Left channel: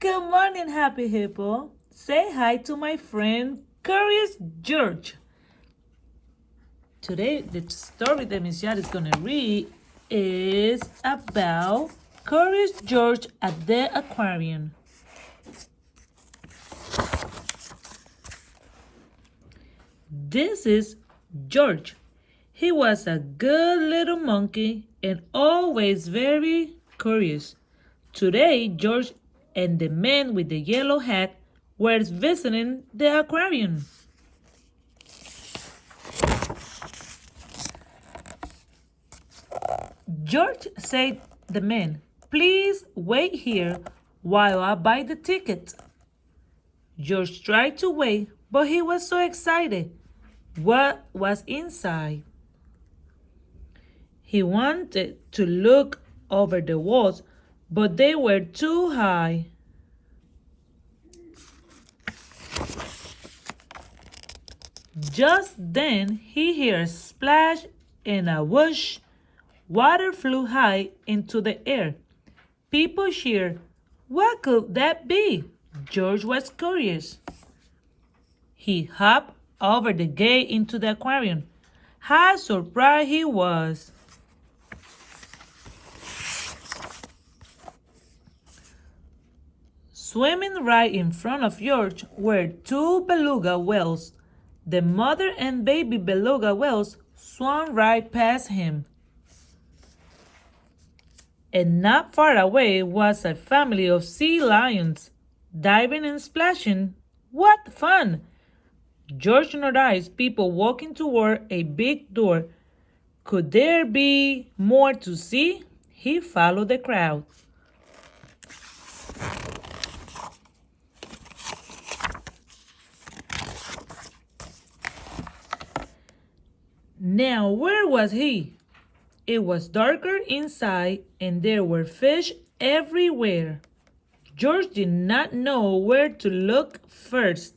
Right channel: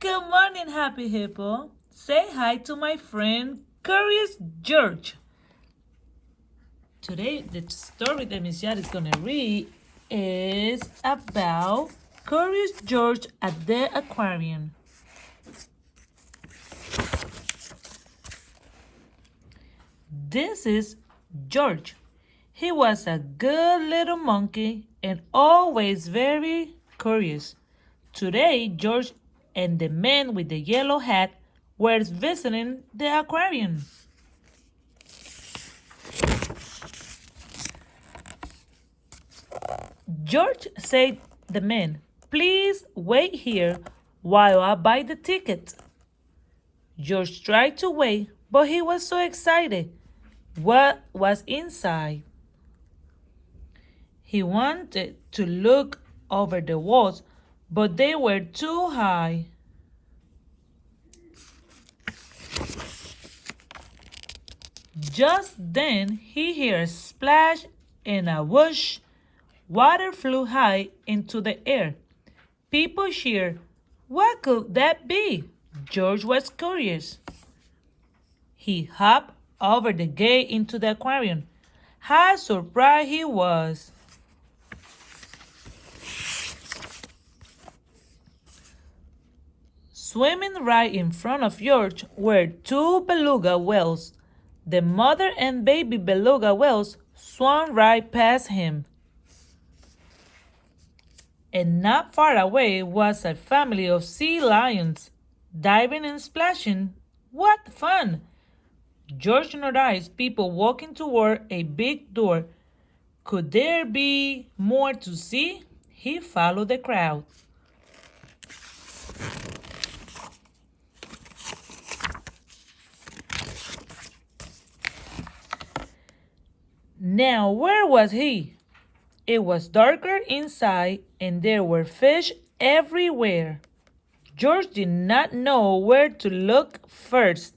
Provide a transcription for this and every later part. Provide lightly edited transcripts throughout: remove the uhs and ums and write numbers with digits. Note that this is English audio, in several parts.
Good morning, Happy Hippo. Say hi to my friend Curious George. Today, the story that Miss Yad is going to read is about Curious George at the aquarium. This is George. He was a good little monkey and always very curious. Today, George and the man with the yellow hat were visiting the aquarium. George said to the man, "Please wait here while I buy the ticket." George tried to wait, but he was so excited. What was inside? He wanted to look over the walls, but they were too high. Just then he heard a splash and a whoosh. Water flew high into the air. People cheered. What could that be? George was curious. He hopped over the gate into the aquarium. How surprised he was. Swimming right in front of George were two beluga whales. The mother and baby beluga whales swam right past him. And not far away was a family of sea lions, diving and splashing. What fun! George noticed people walking toward a big door. Could there be more to see? He followed the crowd. Now, where was he? It was darker inside, and there were fish everywhere. George did not know where to look first.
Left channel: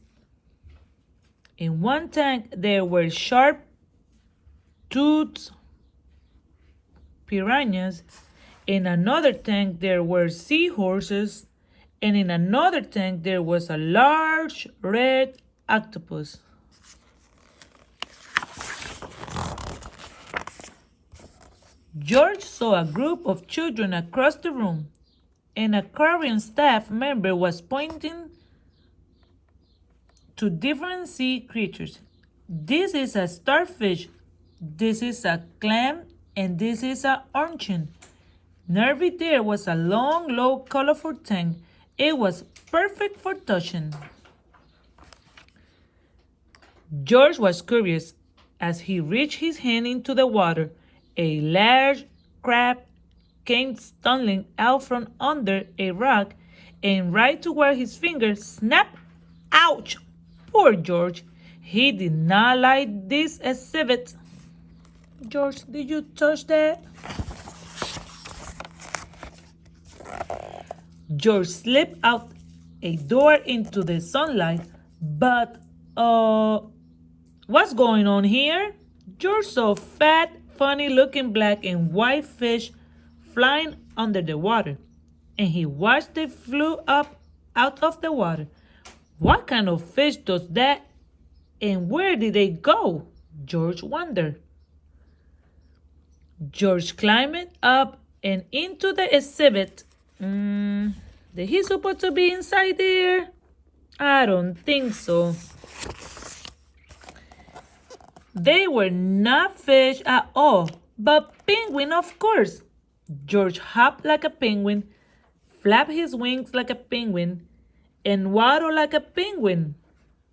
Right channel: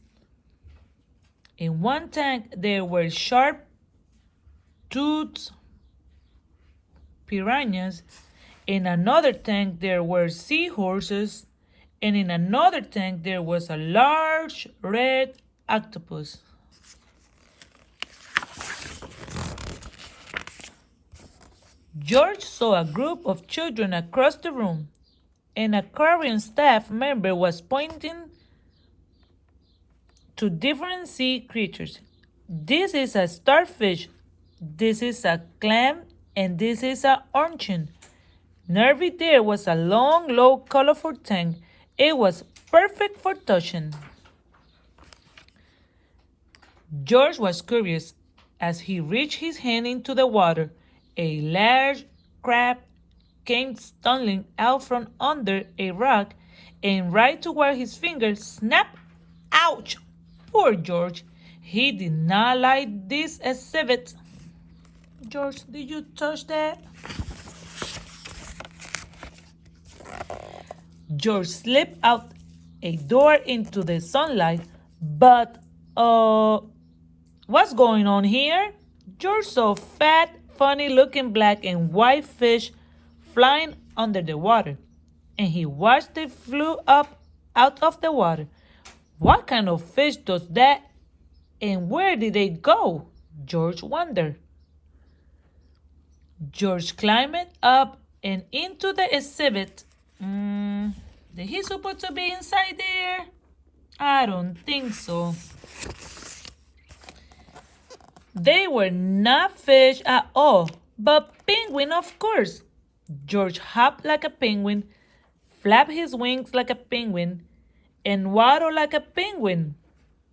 In one tank, there were sharp-toothed piranhas. In another tank, there were seahorses. And in another tank, there was a large red octopus. George saw a group of children across the room. An aquarium staff member was pointing to different sea creatures. This is a starfish, this is a clam, and this is an urchin. Nearby there was a long, low, colorful tank. It was perfect for touching. George was curious as he reached his hand into the water. A large crab came stumbling out from under a rock and right toward his finger. Snap! Ouch! Poor George. He did not like this exhibit. George, did you touch that? George slipped out a door into the sunlight, but what's going on here? George saw fat, funny-looking black and white fish flying under the water, and he watched them flew up out of the water. What kind of fish does that, and where did they go? George wondered. George climbed up and into the exhibit. Did he supposed to be inside there? I don't think so. They were not fish at all, but penguin, of course. George hopped like a penguin, flapped his wings like a penguin, and waddled like a penguin.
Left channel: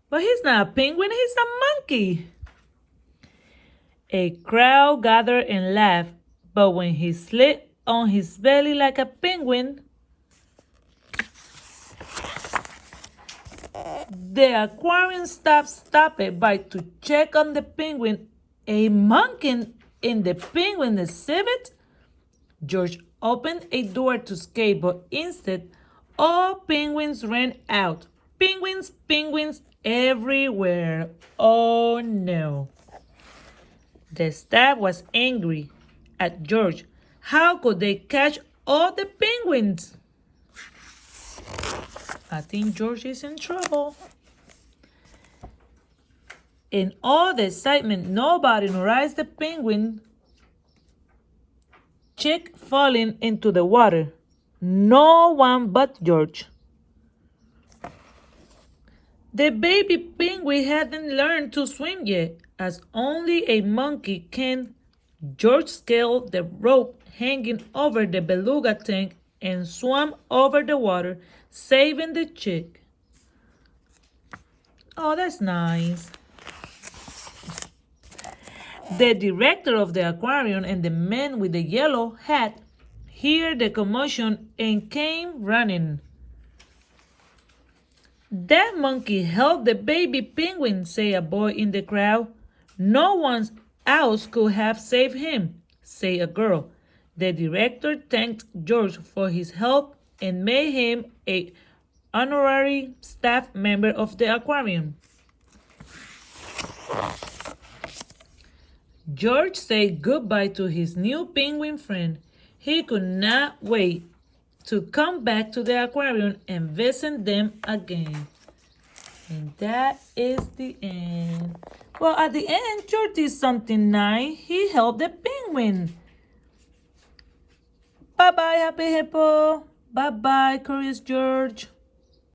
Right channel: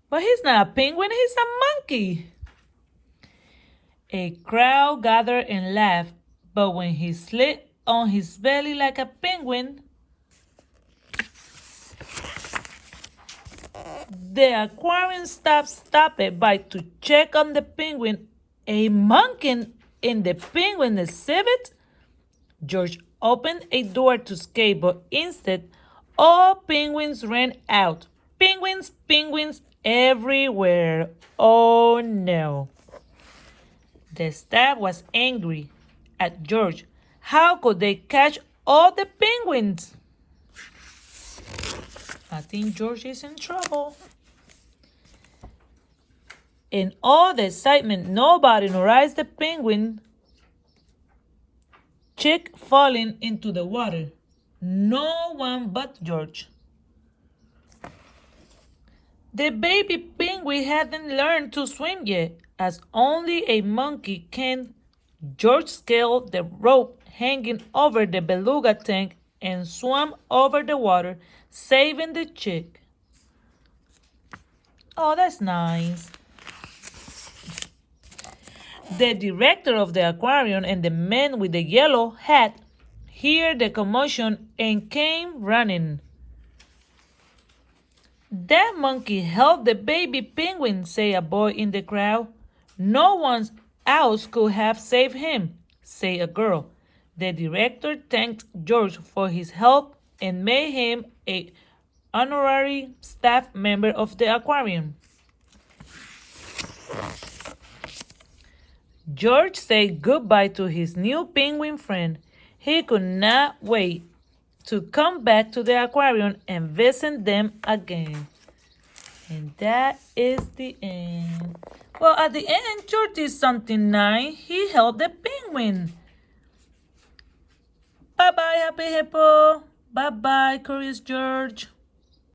But he's not a penguin, he's a monkey. A crowd gathered and laughed, but when he slid on his belly like a penguin, the aquarium staff stopped by to check on the penguin. A monkey in the penguin exhibit? George opened a door to escape, but instead, all penguins ran out. Penguins, penguins everywhere. Oh no. The staff was angry at George. How could they catch all the penguins? I think George is in trouble. In all the excitement, nobody noticed the penguin chick falling into the water. No one but George. The baby penguin hadn't learned to swim yet, as only a monkey can. George scaled the rope hanging over the beluga tank and swam over the water, saving the chick. Oh, that's nice. The director of the aquarium and the man with the yellow hat heard the commotion and came running. That monkey helped the baby penguin, said a boy in the crowd. No one else could have saved him, said a girl. The director thanked George for his help and made him an honorary staff member of the aquarium. George said goodbye to his new penguin friend. He could not wait to come back to the aquarium and visit them again. And that is the end. Well, at the end, George did something nice. He helped the penguin. Bye-bye, Happy Hippo. Bye-bye, Curious George.